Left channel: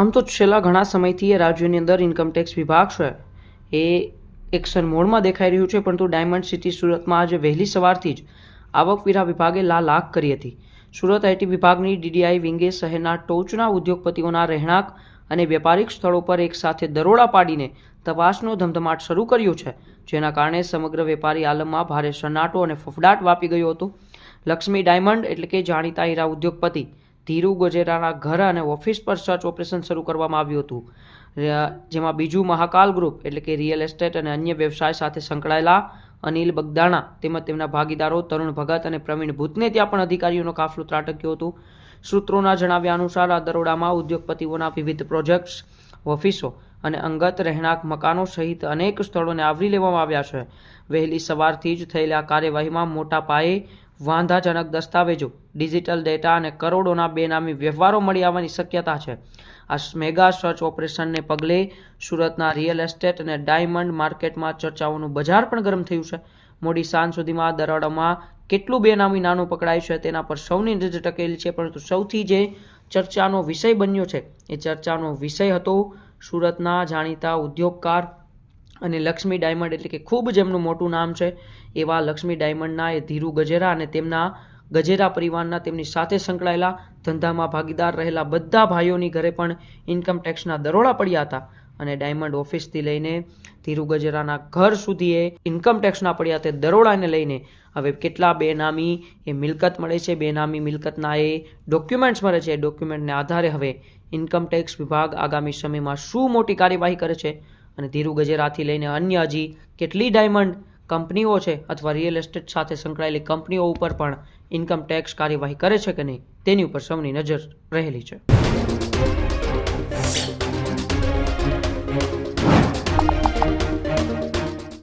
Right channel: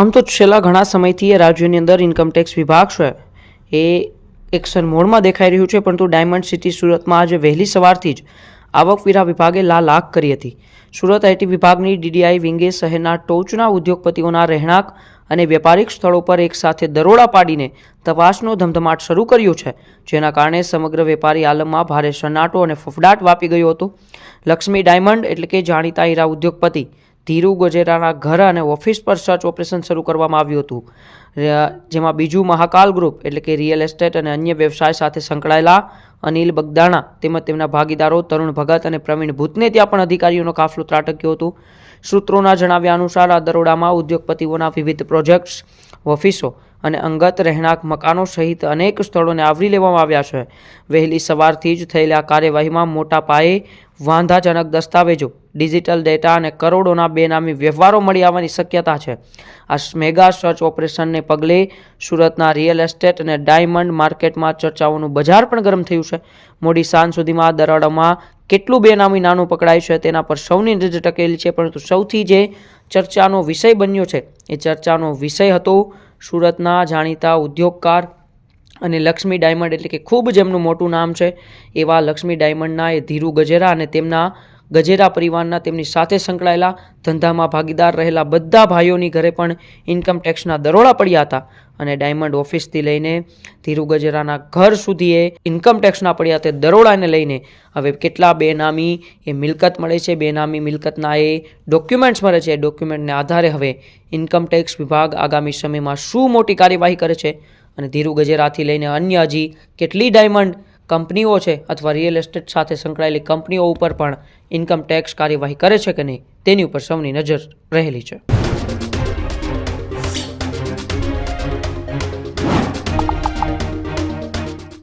આમ તો છેલ્લા ઘણા સમયથી રાજ્યની અંદર ઇન્કમટેક્સ વિભાગ છે એ એક્શન મોડમાં દેખાઈ રહ્યું છે, પરંતુ ડાયમંડ સિટી સુરતમાં આજે વહેલી સવારથી જ આવકવેરા વિભાગે લાખ કરી હતી. સુરત આઈટી વિભાગની ડીડીઆઈ વિંગે શહેરના ટોચના ઉદ્યોગપતિઓના રહેણાંક અને વેપારિક સ્થળો પર એકસાથે દરોડા પાડીને તપાસનો ધમધમાટ શરૂ કર્યો છે, જેના કારણે સમગ્ર વેપારી આલમમાં ભારે સન્નાટો અને ફફડાટ વ્યાપી ગયો હતો. લક્ષ્મી ડાયમંડ એટલે કે જાણીતા હીરા ઉદ્યોગપતિ ધીરુ ગજેરાના ઘર અને ઓફિસ પર સર્ચ ઓપરેશન શરૂ કરવામાં આવ્યું હતું, જેમાં બીજું મહાકાલ ગ્રુપ એટલે કે રિયલ એસ્ટેટ અને અન્ય વ્યવસાય સાથે સંકળાયેલા અનિલ બગદાણા તેમજ તેમના ભાગીદારો તરુણ ભગત અને પ્રવીણ ભૂતને ત્યાં પણ અધિકારીઓનો કાફલો ત્રાટક્યો હતો. સૂત્રોના જણાવ્યા અનુસાર આ દરોડામાં ઉદ્યોગપતિઓના વિવિધ પ્રોજેક્ટ્સ, ઓફિસો અને અંગત રહેણાંક મકાનો સહિત અનેક સ્થળોને આવરી લેવામાં આવ્યા છે. વહેલી સવારથી જ થયેલા કાર્યવાહીમાં મોટા પાયે વાંધાજનક દસ્તાવેજો, ડિજિટલ ડેટા અને કરોડોના બેનામી વ્યવહારો મળી આવવાની શક્યતા છે. આ મેગા સર્ચ ઓપરેશનને પગલે સુરતના રિયલ એસ્ટેટ અને ડાયમંડ માર્કેટમાં ચર્ચાઓનું બજાર પણ ગરમ થયું છે. મોડી સાંજ સુધીમાં દરોડામાં કેટલું બેનામી નાણું પકડાય છે તેના પર સૌની નજર ટકેલી છે, પરંતુ સૌથી જે ચર્ચાનો વિષય બન્યો છે એ ચર્ચાનો વિષય હતો સુરતના જાણીતા ઉદ્યોગકાર અને લક્ષ્મી ડાયમંડ એટલે કે ખૂબ જેમનું મોટું નામ છે એવા લક્ષ્મી ડાયમંડના એ ધીરુ ગજેરા અને તેમના ગજેરા પરિવારના તેમની સાથે સંકળાયેલા ધંધામાં ભાગીદાર રહેલા બધા ભાઈઓની ઘરે પણ ઇન્કમટેક્સના દરોડા પડ્યા હતા. અને ડાયમંડ ઓફિસથી લઈને ધીરુ ગજેરાના ઘર સુધી એ ઇન્કમટેક્સના પડ્યા તે દરોડાને લઈને હવે કેટલા બેનામી એ મિલકત મળે છે, બેનામી મિલકતના એ ડોક્યુમેન્ટ્સ મળે છે. ડોક્યુમેન્ટને આધારે હવે ઇન્કમટેક્સ વિભાગ આગામી સમયમાં શું મોટી કાર્યવાહી કરે છે અને ધીરુ ગજેરાથી લઈને અન્ય હજી કેટલી ડાયમંડ કંપનીઓ છે અથવા રિયલ એસ્ટેટ સાથે સંકળાયેલી કંપનીઓ ઉપર પણ ઇન્કમટેક્સ કાર્યવાહી કરે છે કે નહીં તેની ઉપર સૌની નજર રહેલી છે.